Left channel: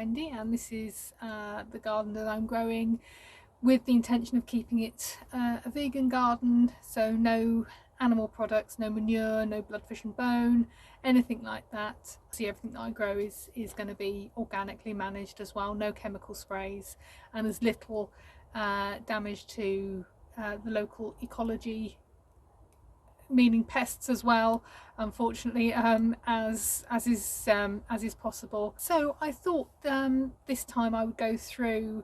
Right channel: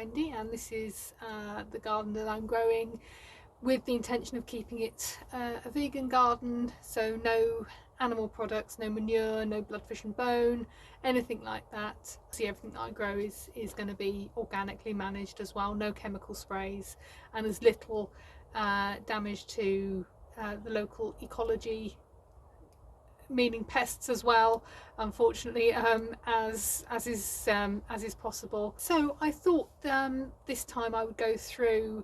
Wendy, and this is the garden that I'm growing with the intention of keeping it a vegan garden, so no animal products, no manure, no blood, fish and bone, anything like that. See, everything that I grow is going to be organically managed as well, no chemical sprays, and as little damage to the local ecology, meaning pests as well, unfortunately, as is possible. So I thought this time I would go through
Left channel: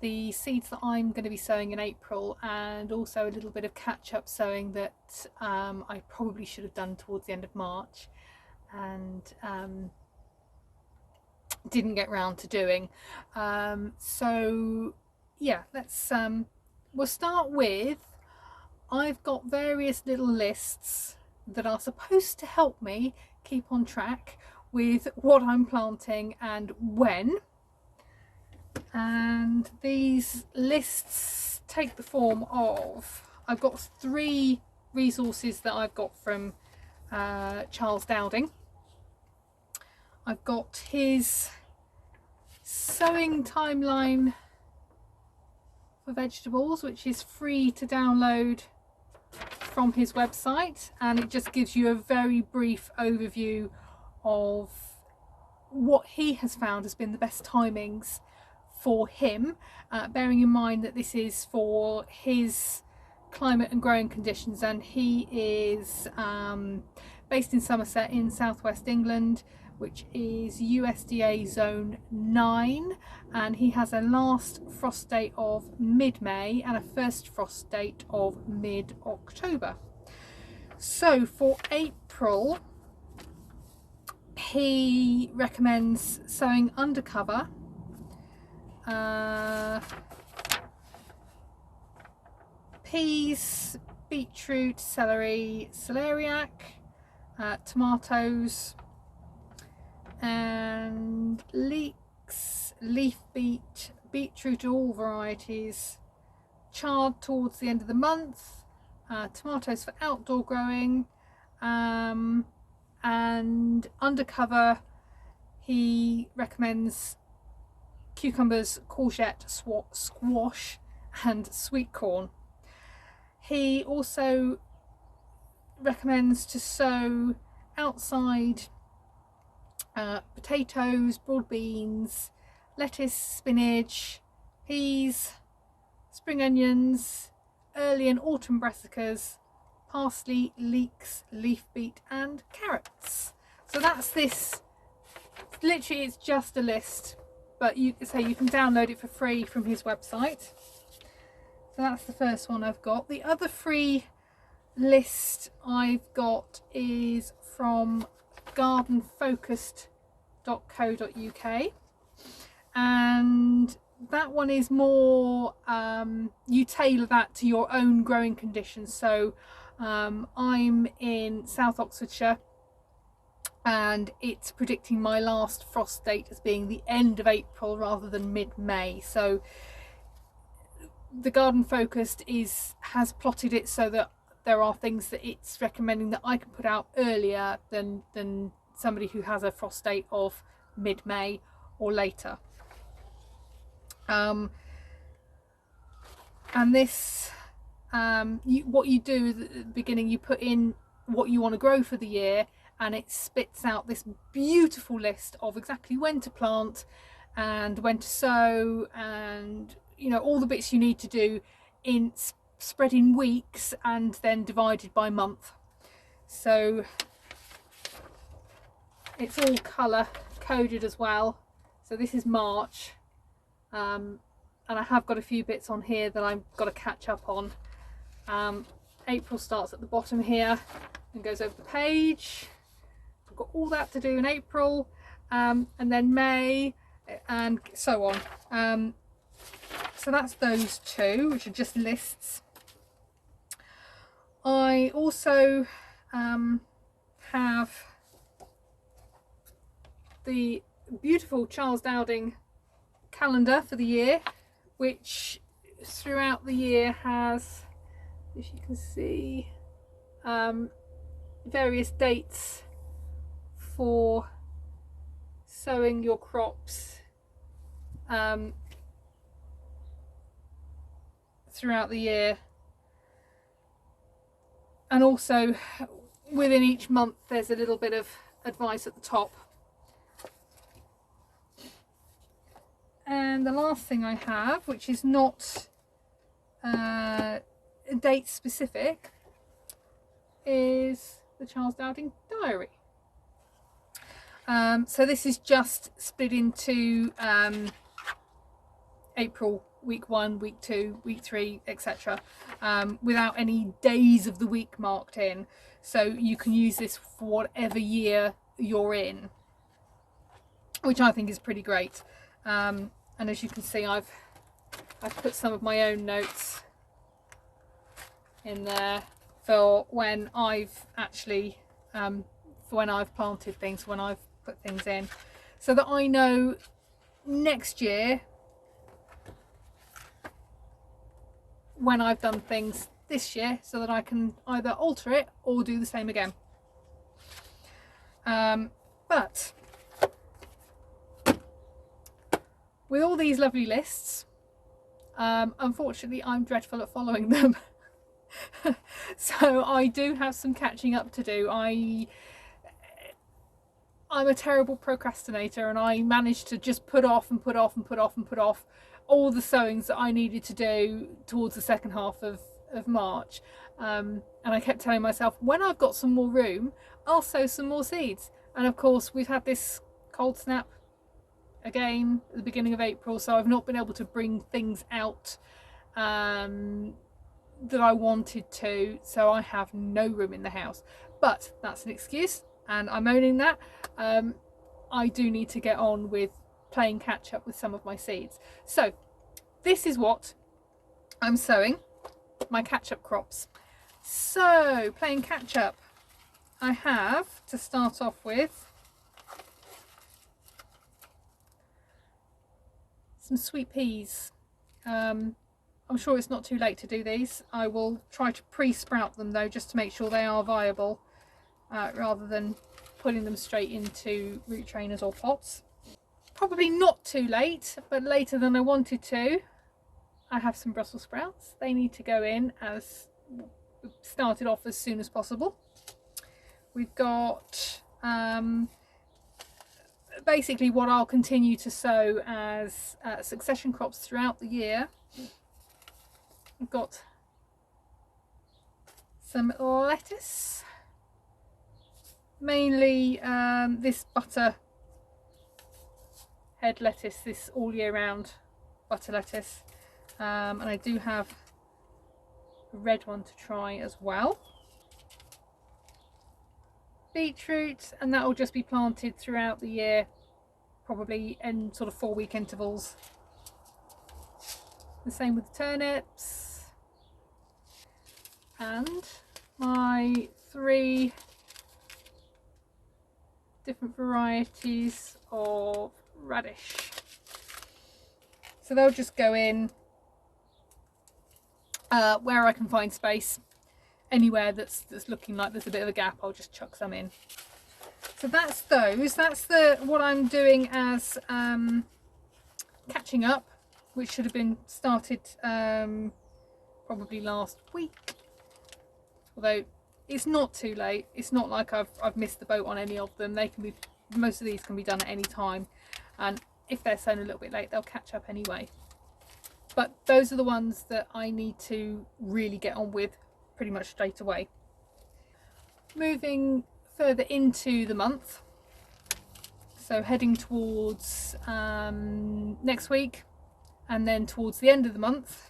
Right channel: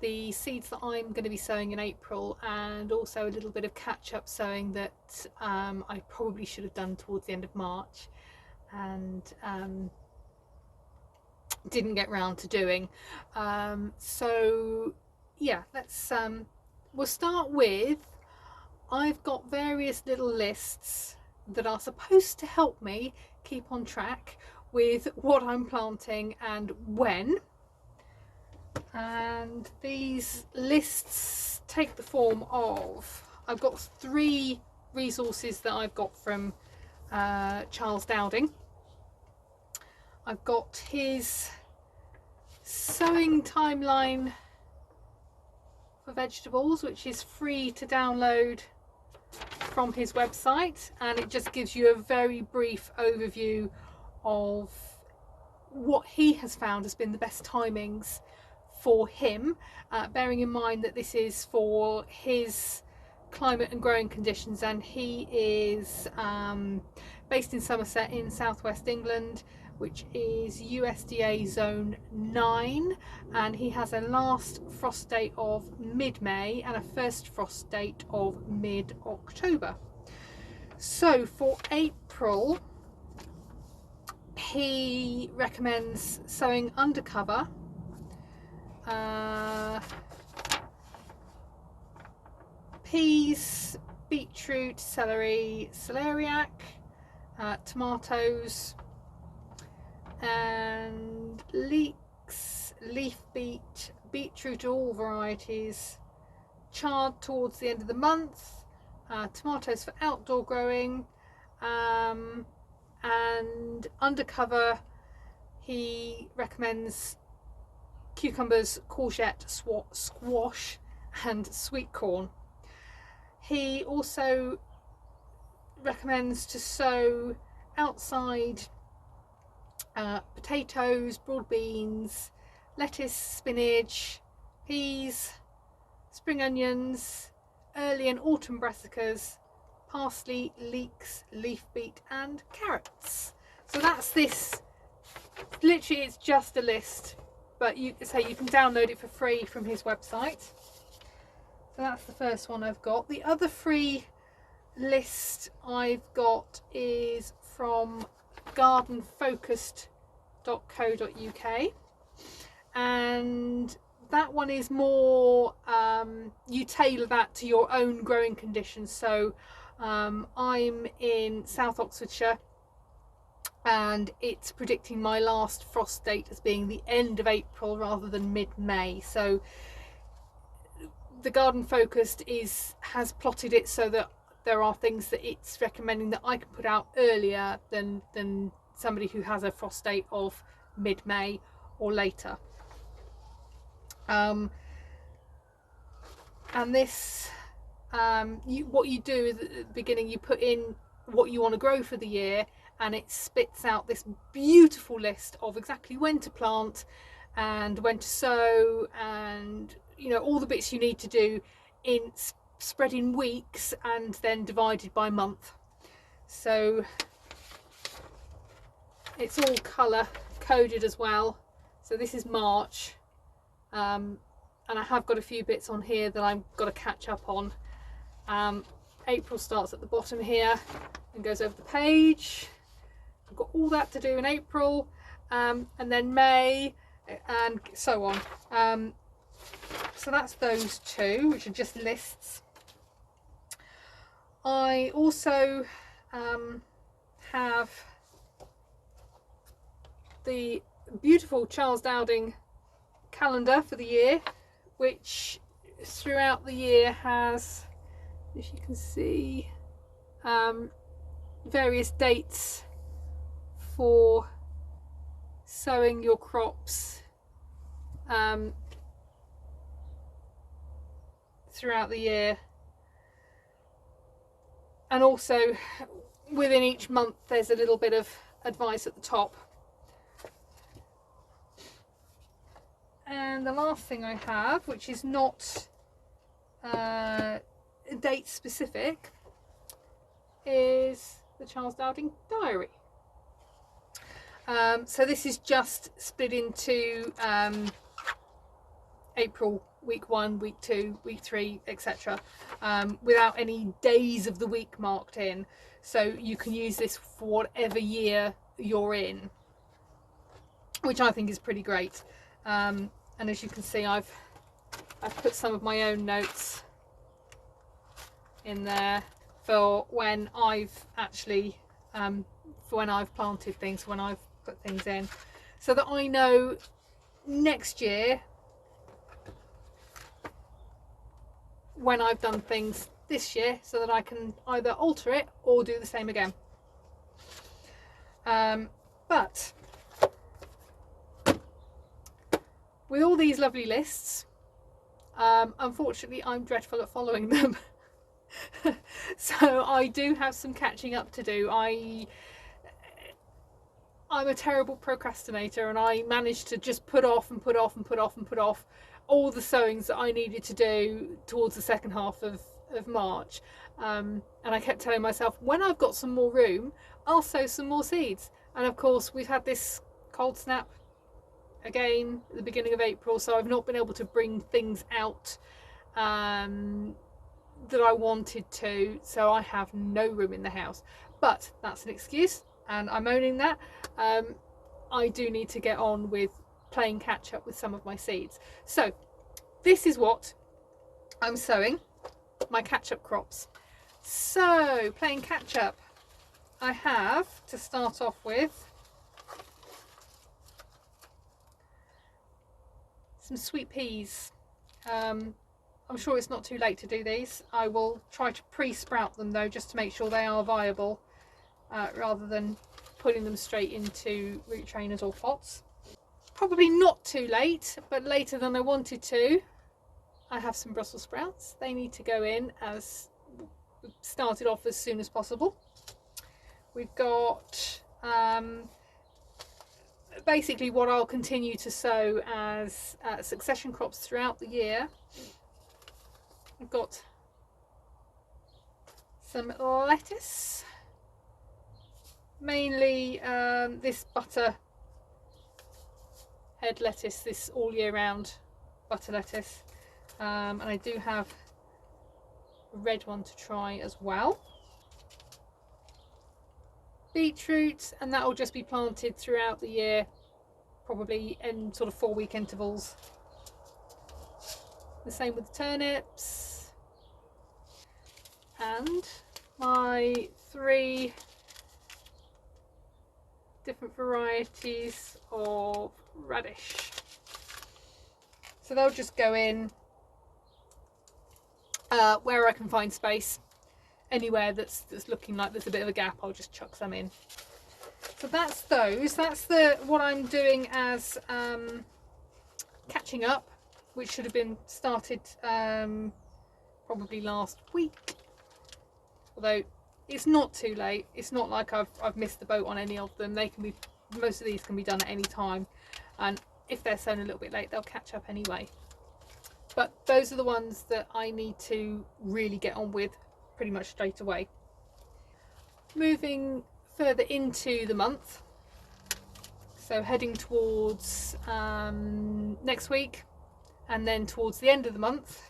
the seeds that I'm going to be sowing in April, and also a little bit of catch-up sowing that I probably should have done towards the end of March and didn't get round to doing. So yeah, let's we'll start with, I've got various little lists that are supposed to help me keep on track with what I'm planting and when. And these lists take the form of, I've got 3 resources that I've got from Charles Dowing. I've got his sowing timeline for vegetables, which is free to download from his website, and it just gives you a very brief overview of what he has found has been the best timings for him, bearing in mind that this is for his climate and growing conditions, and he is based in Somerset in southwest England, which is USDA zone 9, and he has a last frost date of mid-May and a first frost date of mid-October. So for April, he recommends sowing undercover peas, beetroot, celery, celeriac, tomatoes, and leeks, leaf beet, beetroot all varieties, chard towards the end of the month, tomatoes for outdoor growing, and undercover he recommends cucumbers, courgette, squash and sweet corn. He also recommends to sow outside potatoes, broad beans, lettuce, spinach, peas, spring onions, early and autumn brassicas, parsley, leeks, leaf beet and carrots. So that's this. Literally it's just a list, but you can download it for free from his website. So that's the first one I've got. The other free list I've got is from gardenfocused.co.uk, and that one is more you tailor that to your own growing conditions. So I'm in South Oxfordshire, and it's predicting my last frost date as being the end of April rather than mid-May. So the Garden Focused has plotted it so that there are things that it's recommending that I can put out earlier than somebody who has a frost date of mid-May or later. And this, what you do at the beginning, you put in what you want to grow for the year, and it spits out this beautiful list of exactly when to plant and when to sow, and all the bits you need to do in spread in weeks and then divided by month. So it's all colour coded as well. So this is March, and I have got a few bits on here that I've got to catch up on. April starts at the bottom here and goes over the page. I've got all that to do in April, and then May and so on. So that's those 2, which are just lists. I also have the beautiful Charles Dowing calendar for the year, which throughout the year has, if you can see, various dates for sowing your crops throughout the year. And also within each month there's a little bit of advice at the top. And the last thing I have, which is not date specific, is the Charles Dowing diary. So this is just split into April, week 1, week 2, week 3, etc. Without any days of the week marked in. So you can use this for whatever year you're in, which I think is pretty great. And as you can see, I've put some of my own notes in there for when I've actually for when I've planted things, when I've put things in, so that I know next year when I've done things this year, so that I can either alter it or do the same again. But with all these lovely lists, unfortunately I'm dreadful at following them. So I do have some catching up to do. I'm a terrible procrastinator, and I managed to just put off and put off and put off and put off all the sowings that I needed to do towards the second half of March. And I kept telling myself, when I've got some more room, I'll sow some more seeds. And of course we've had this cold snap again at the beginning of April, so I've not been able to bring things out that I wanted to, so I have no room in the house. But that's an excuse, and I'm owning that. I do need to get on with playing catch up with some of my seeds. So this is what I'm sowing, my catch up crops. So playing catch up, I have to start off with some sweet peas. I'm sure it's not too late to do these. I will try to pre-sprout them though, just to make sure they are viable, rather than putting them straight into root trainers or pots. Probably not too late, but later than I wanted to. I have some Brussels sprouts. They need to go in as started off as soon as possible. We've got basically what I'll continue to sow as succession crops throughout the year. I've got some lettuce, mainly this butter head lettuce, this all year round butter lettuce, and I do have a red one to try as well. Beetroot, and that will just be planted throughout the year, probably in sort of 4-week intervals. The same with the turnips, and my 3 different varieties of radish. So they'll just go in where I can find space. Anywhere that's looking like there's a bit of a gap, I'll just chuck some in. So that's those. That's what I'm doing as catching up, which should have been started probably last week. Although it's not too late. It's not like I've missed the boat on any of them. They can be, most of these can be done at any time, and if they're sown a little bit late, they'll catch up anyway. But those are the ones that I need to really get on with pretty much straight away. Moving further into the month, so heading towards next week, and then towards the end of the month,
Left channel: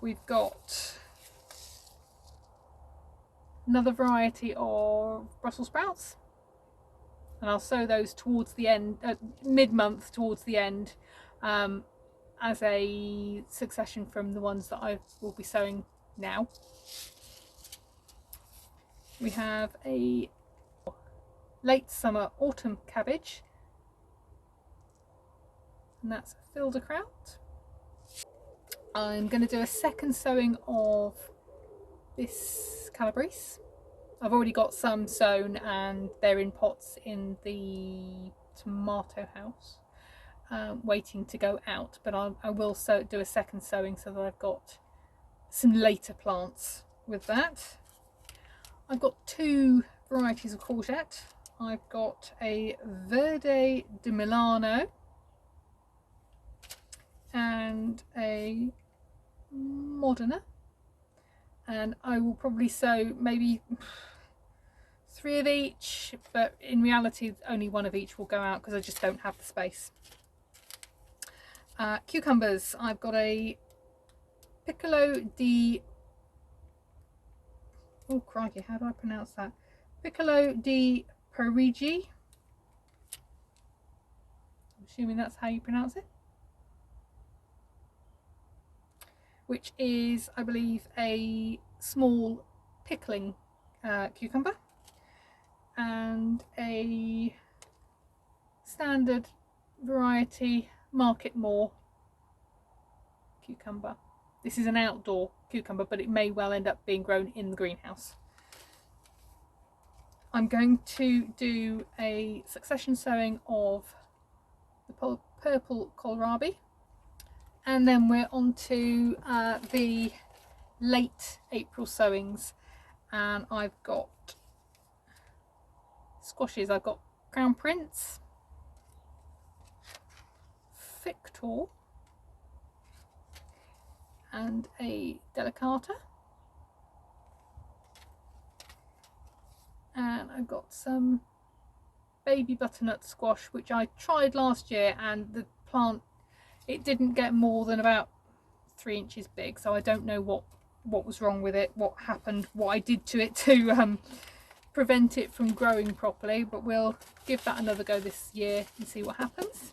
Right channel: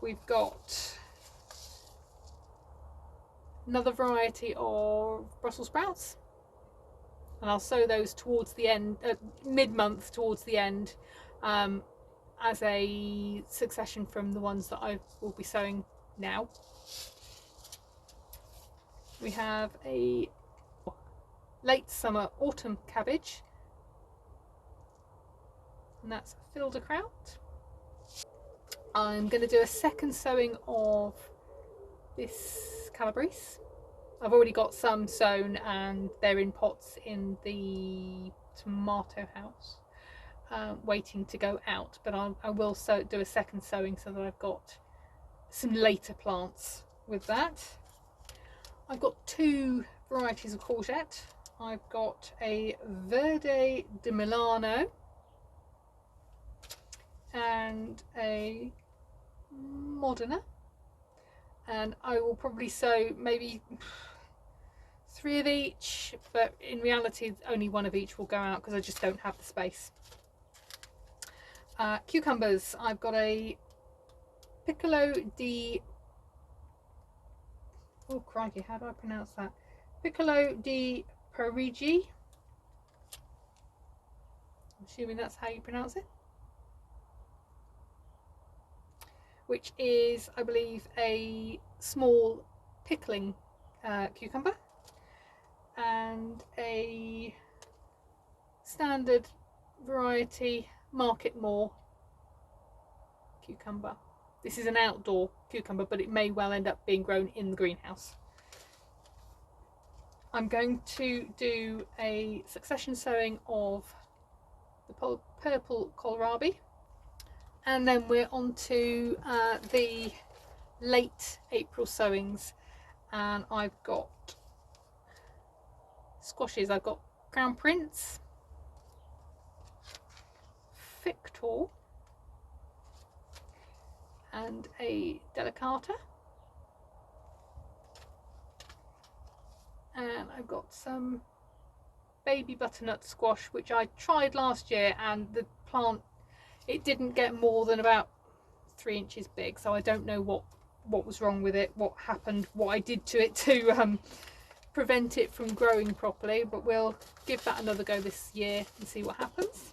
we've got another variety of Brussels sprouts, and I'll sow those towards the end, mid-month towards the end, as a succession from the ones that I will be sowing now. We have a late summer autumn cabbage, and that's Filderkraut. I'm going to do a second sowing of this Calabrese. I've already got some sown and they're in pots in the tomato house. waiting to go out, but I will do a second sowing so that I've got some later plants with that. I've got two varieties of courgette. I've got a Verde di Milano and a Modena, and I will probably sow maybe 3 of each, but in reality only 1 of each will go out because I just don't have the space. Cucumbers, I've got a Piccolo di, oh crikey, how do I pronounce that? Piccolo di Parigi. I'm assuming that's how you pronounce it. Which is, I believe, a small pickling cucumber, and a standard variety Market More cucumber. This is an outdoor cucumber, but it may well end up being grown in the greenhouse. I'm going to do a succession sowing of the purple kohlrabi, and then we're on to the late April sowings, and I've got squashes. I've got Crown Prince, Victor, and a Delicata, and I've got some baby butternut squash which I tried last year, and the plant, it didn't get more than about 3 inches big, so I don't know what was wrong with it, what happened, what I did to it to prevent it from growing properly, but we'll give that another go this year and see what happens.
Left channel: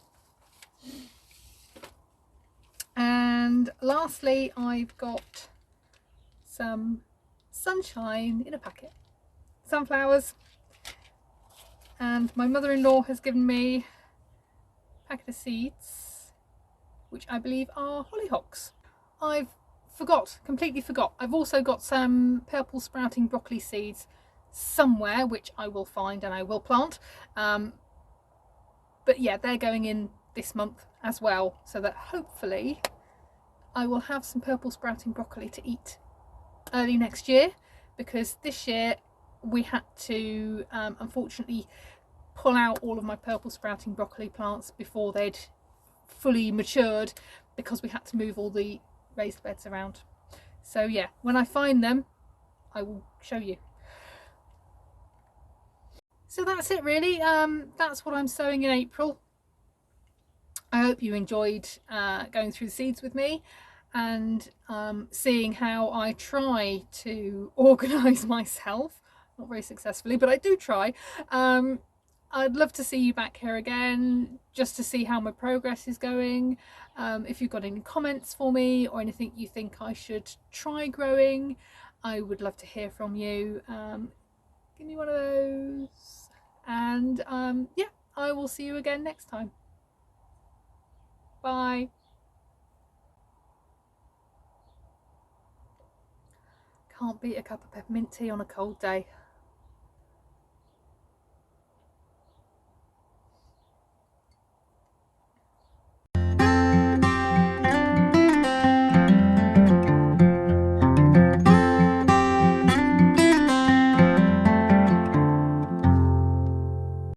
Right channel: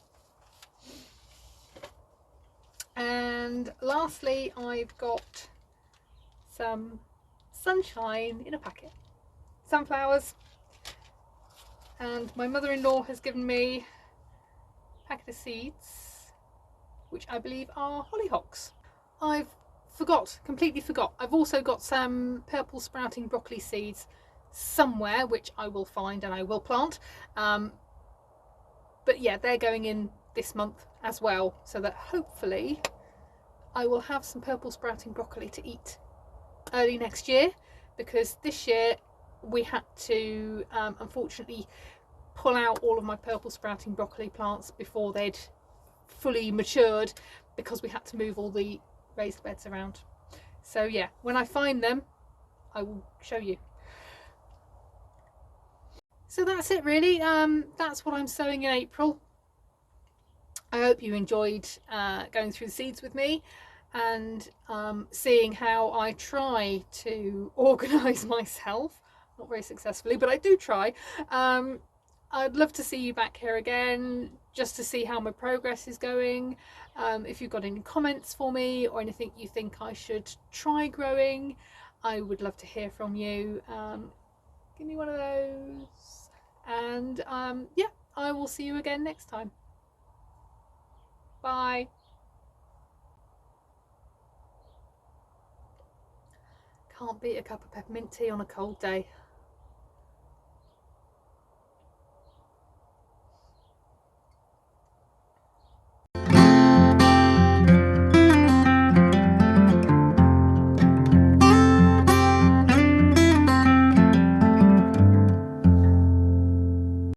And lastly, I've got some sunshine in a packet, sunflowers, and my mother-in-law has given me a packet of seeds which I believe are hollyhocks. I've completely forgot. I've also got some purple sprouting broccoli seeds somewhere which I will find and I will plant, but yeah, they're going in this month as well, so that hopefully I will have some purple sprouting broccoli to eat early next year, because this year we had to unfortunately pull out all of my purple sprouting broccoli plants before they'd fully matured, because we had to move all the raised beds around. So yeah, when I find them I will show you. So that's it really. That's what I'm sowing in April. I hope you enjoyed going through the seeds with me, and seeing how I try to organise myself. Not very successfully, but I do try. I'd love to see you back here again, just to see how my progress is going. If you've got any comments for me or anything you think I should try growing, I would love to hear from you. Give me one of those, and yeah, I will see you again next time. Bye. Can't beat a cup of peppermint tea on a cold day.